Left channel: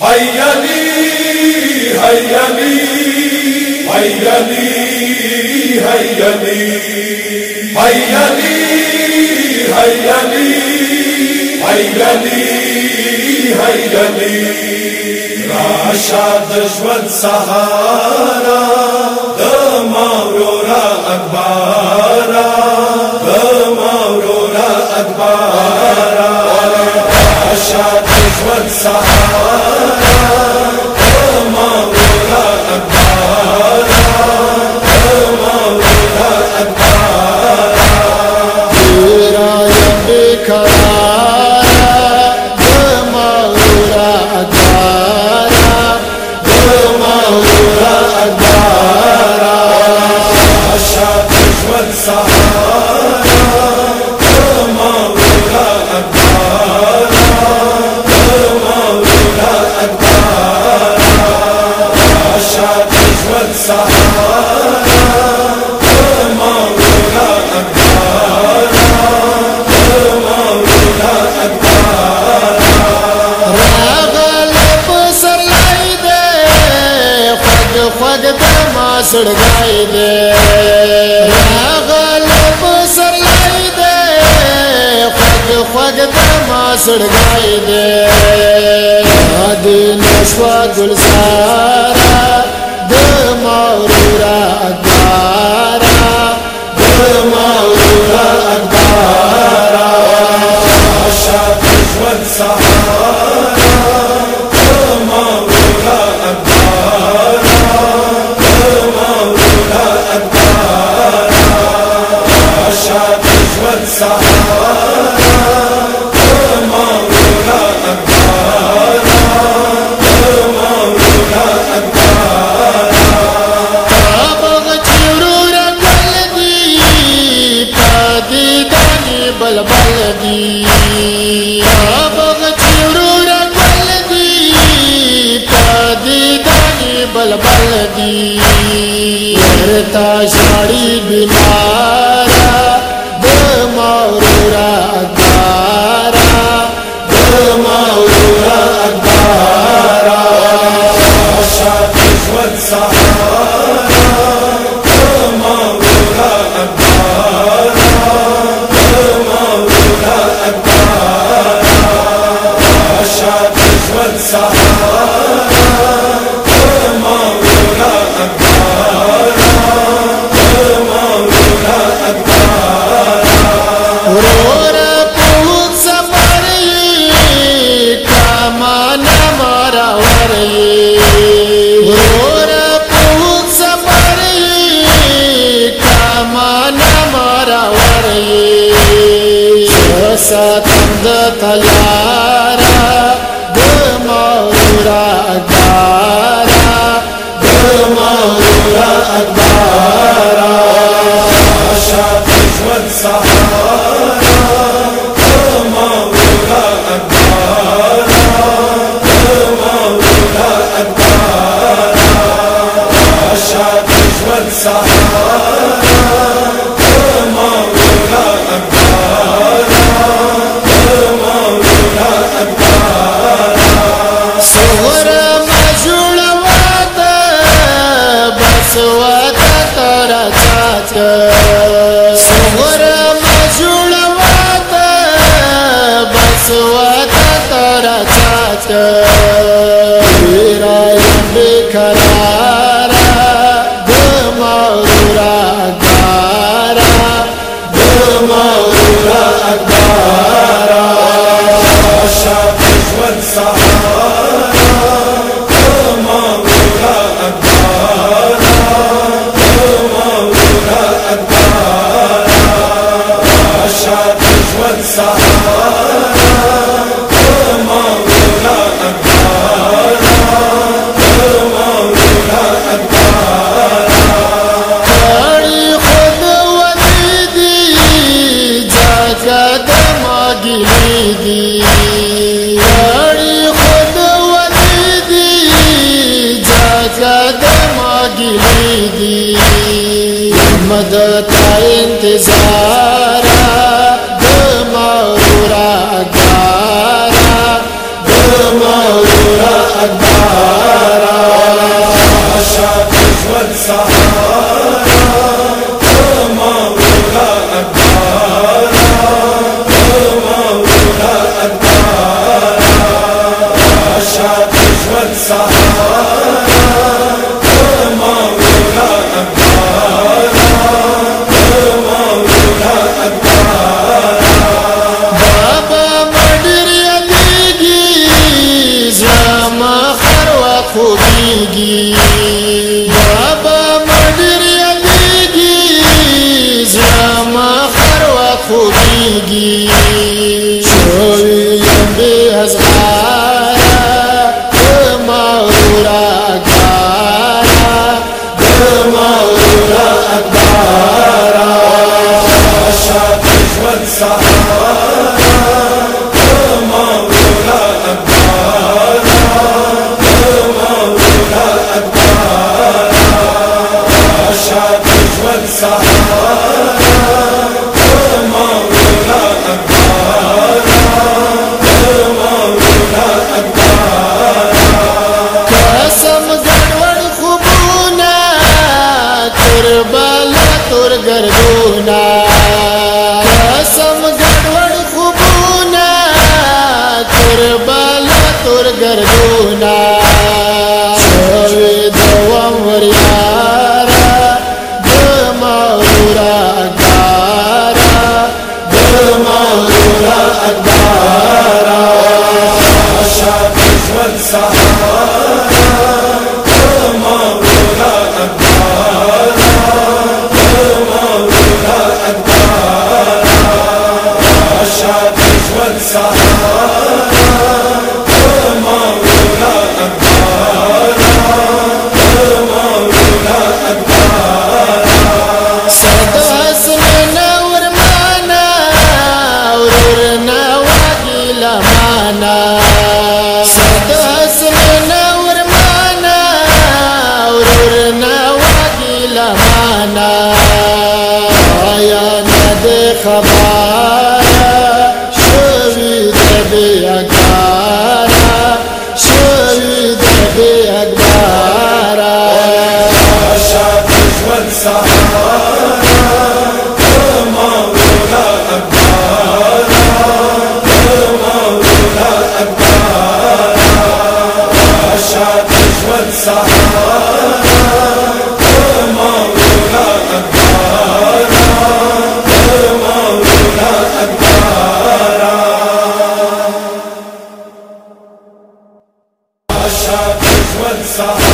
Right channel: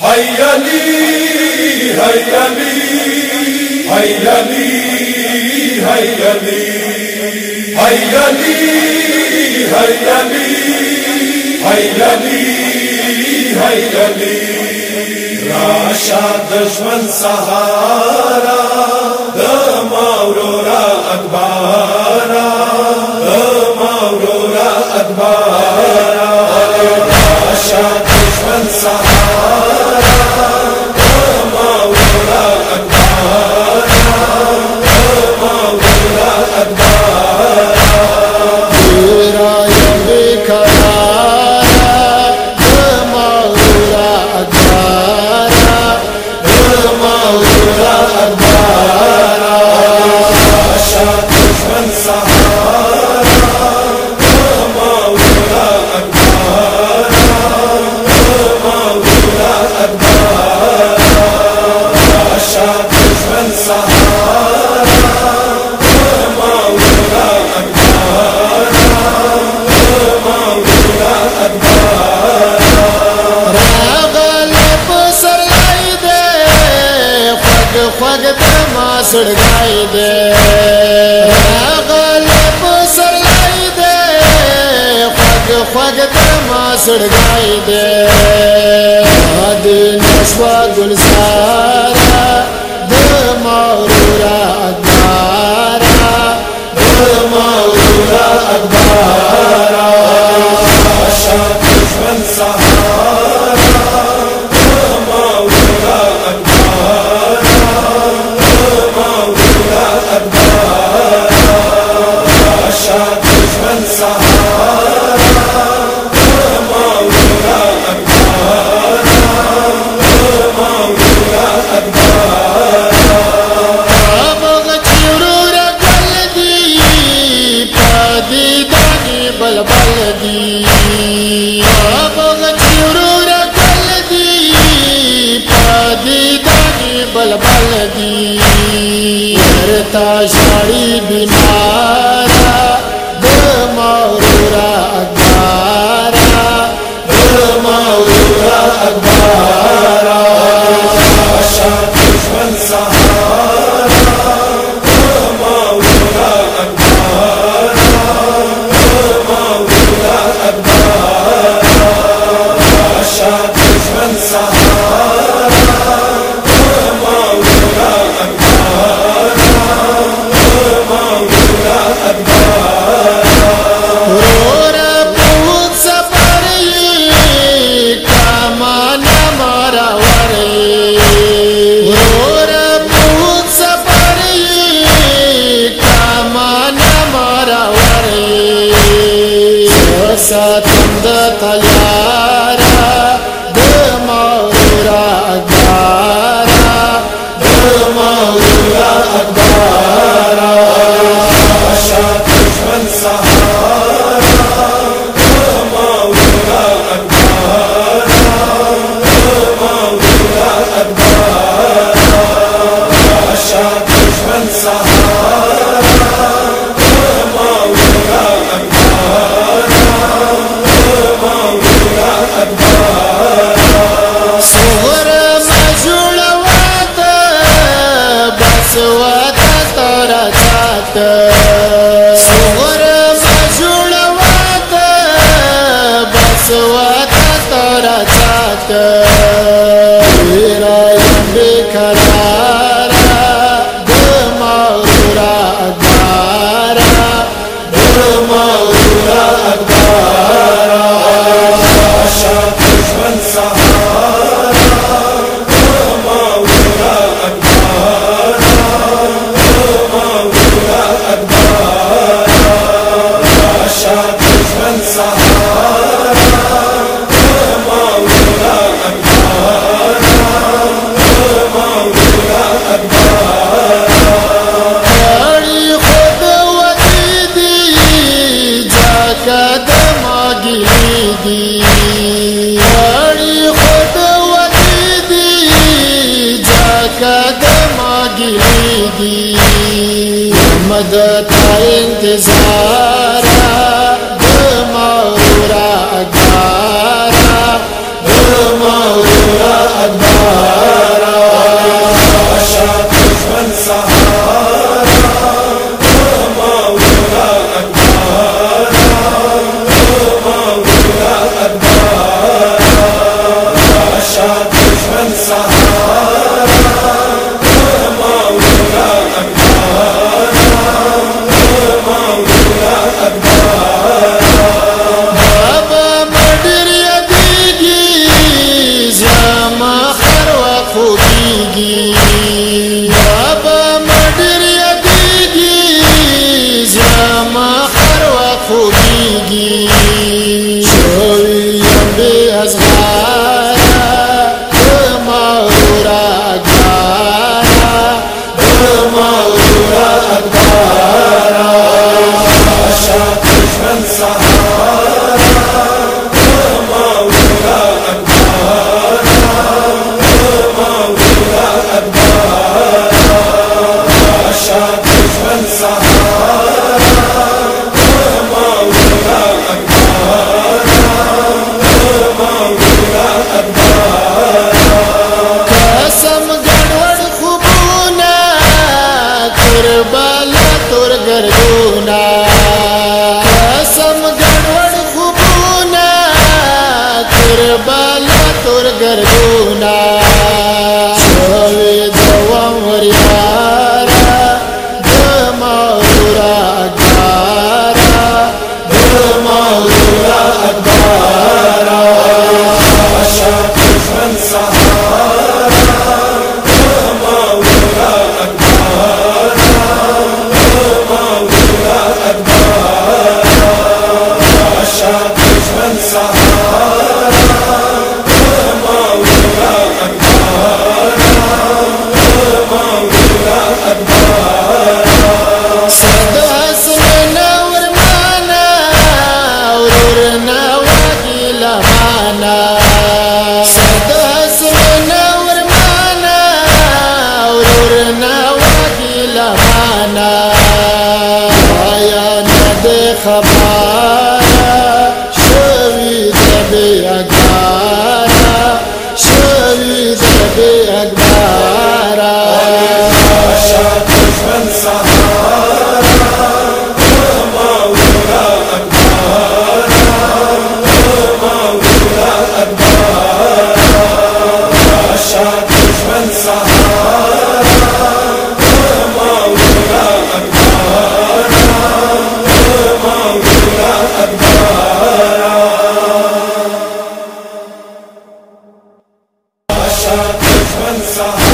حي علي حي علي حي علي حي علي حي علي حي علي حي علي حي علي راشد ژوند سهارا د مورورا اکبارا د مورورا اکبارا راشد ژوند سهارا د مورورا اکبارا د مورورا اکبارا تیرا یم بیقرارا د مورورا اکبارا د مورورا اکبارا راشد ژوند سهارا د مورورا اکبارا د مورورا اکبارا راشد ژوند سهارا د مورورا اکبارا د مورورا اکبارا راغل پسرلای دے خوږ خوږ د ما سړګای دے راغل پسرلای دے خوږ خوږ د ما سړګای دے د نشوا ګلزارا د مورورا اکبارا د مورورا اکبارا راشد ژوند سهارا د مورورا اکبارا د مورورا اکبارا راشد ژوند سهارا د مورورا اکبارا د مورورا اکبارا تابغ چورورا گل دی پدی دانی بلبل دی تابغ چورورا گل دی پدی دانی بلبل دی ورتا شاڑی بیمارا د مورورا اکبارا د مورورا اکبارا راشد ژوند سهارا د مورورا اکبارا د مورورا اکبارا راشد ژوند سهارا د مورورا اکبارا د مورورا اکبارا ورورا پوت سفر کامان مارا ورئی ورورا پوت سفر کامان مارا ورئی ساتم د تیارا د مورورا اکبارا د مورورا اکبارا راشد ژوند سهارا د مورورا اکبارا د مورورا اکبارا راشد ژوند سهارا د مورورا اکبارا د مورورا اکبارا صغر مجوړوات بس وتا تر چات صغر مجوړوات بس وتا تر چات تیرا یم بیقرارا د مورورا اکبارا د مورورا اکبارا راشد ژوند سهارا د مورورا اکبارا د مورورا اکبارا راشد ژوند سهارا د مورورا اکبارا د مورورا اکبارا کړي خود ودی دی ځکه د ماګلی دی کړي خود ودی دی ځکه د ماګلی دی مد تا انتظار د مورورا اکبارا د مورورا خوبیگی شویم بی ازغارا دمارورا اکبارا دمارورا اکبارا عشاق دشمن سحارا دمارورا اکبارا دمارورا اکبارا عشاق دشمن سحارا دمارورا اکبارا دمارورا اکبارا قسم گڑوڑ خوبونا کربلا تور گردونا قسم گڑوڑ خوبونا کربلا تور گردونا شوی دوام وریارا دمارورا اکبارا دمارورا اکبارا عشاق دشمن سحارا دمارورا اکبارا دمارورا اکبارا عشاق دشمن سحارا دمارورا اکبارا دمارورا اکبارا صد حسن نور مانا ورور نواگی لمانا صد حسن نور مانا ورور نواگی لمانا آیا ند خبارا شوید بی اکبارا شوید بی اکبارا عشاق دشمن سحارا دمارورا اکبارا دمارورا اکبارا عشاق دشمن سحارا دمارورا اکبارا دمارورا اکبارا عشاق دشمن سحارا